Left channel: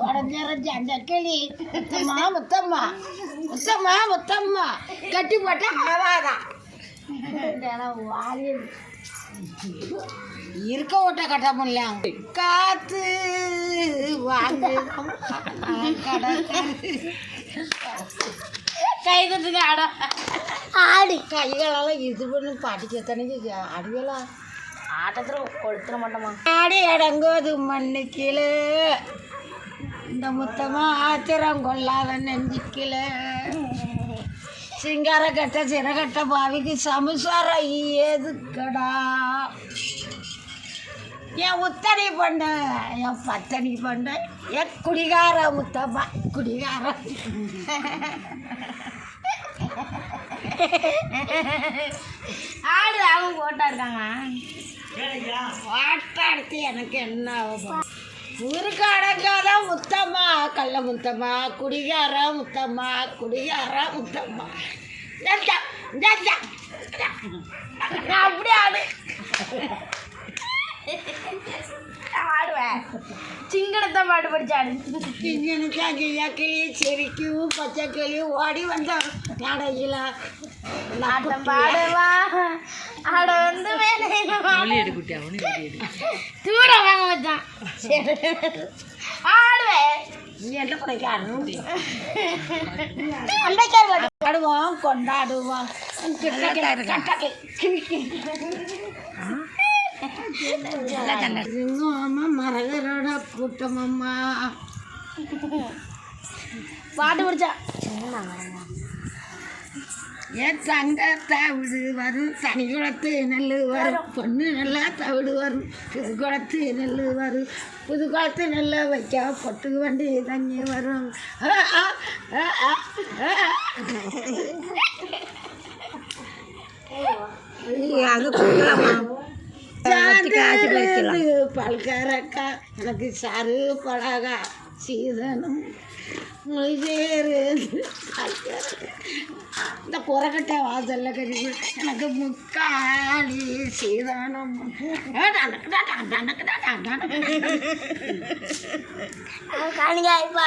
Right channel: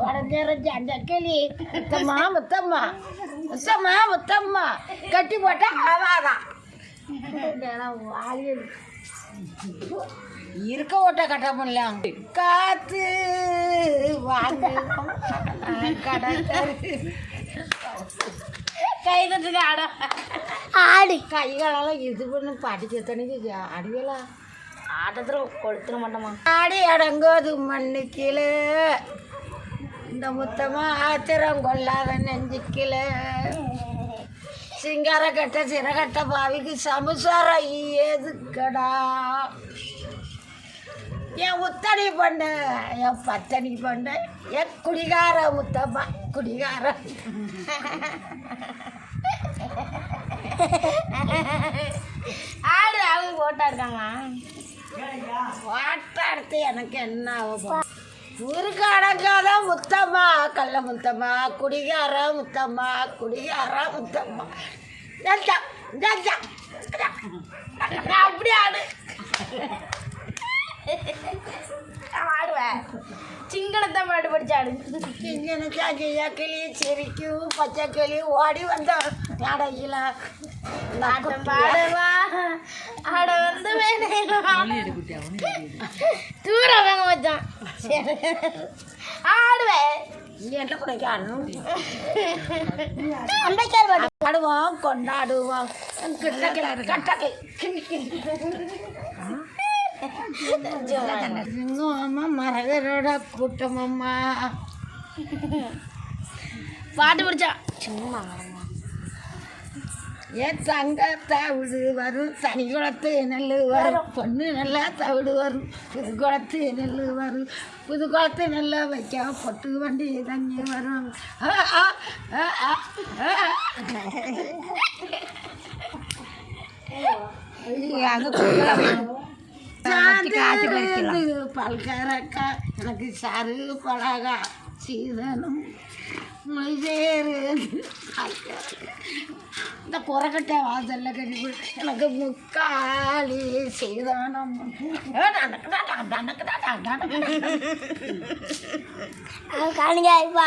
உடஞ்சிறஞ்சி அந்த கிளி முத்தம்மா முத்தம்மா முத்தம்மா முத்தம்மா கட்டி போட்டால் ஆவாதான் வாலியல் இருக்க ஓட்ட கட்ட முடியல காத்து வாங்க கை தட்டுங்க ஆட ஆடி கைகளெல்லாம் இது பண்ணி படிக்க தனிக்கு அடியலாம் ஆட்டத்தில் கொளுத்துற மாட்டோமா? ஆடி அடங்கோது மண்ணு கீழே. இந்த முத்தமா ஆத்திரம் கொள்ளாத நெஞ்சுக்கில. சிங்கார கட்ட சிறகட்ட பாவிக்கு சமுசாரம் ஏதுக்கடா? என் உத்தடி பண்ண என் பத்தனி பண்ண என் குடிகார முத்தம்மா குடிகார. ஆடு அவங்க வாட்டை எடுத்து எனக்கு என்ன ஆகும்? ஊருக்கு அடங்காத முத்தம்மா கள்ள முத்தம்மா குடிகார முத்தம்மா குடிகார முத்தம்மா. அப்படியே ஆடு ஆடுவேன் சிங்கனத்தை பாட்டு படிச்சாடு கிஞ்சனுக்கா கியா கிளி சிரிக்கும் பச்சை கிளி ஓடி வந்த நடையில. ஆட்டம் பாடுவா. ஆட வந்து தூர வாங்க வச்சான். ஆடுவேன் பாடுவோம் கொண்டாடுவோம். கட்டக்கை சிங்கம்மா மரகரோட கூட்டமம்மா பாட்டு படிச்சான் ஏன் தங்க தவிடு வரும். தனி குளத்து நெல் வரும். பொண்ணு நல்லா தவிடு வரும். புது குளத்து நெல் வரும். புது குளத்து நெல்லை வைக்க பொட்டு வண்டி தண்ணி வரும். ஆ, ஆ, ஆ, ஆ, ஆ. சாந்து பல்கரக்கா எனக்கு சாறு பழகா சீதனம் மொழிபேரு இந்த குரக்கட்டை வாசல்ல கறி எனக்கு முக்காலி சீதனம். காணிங்க இப்போ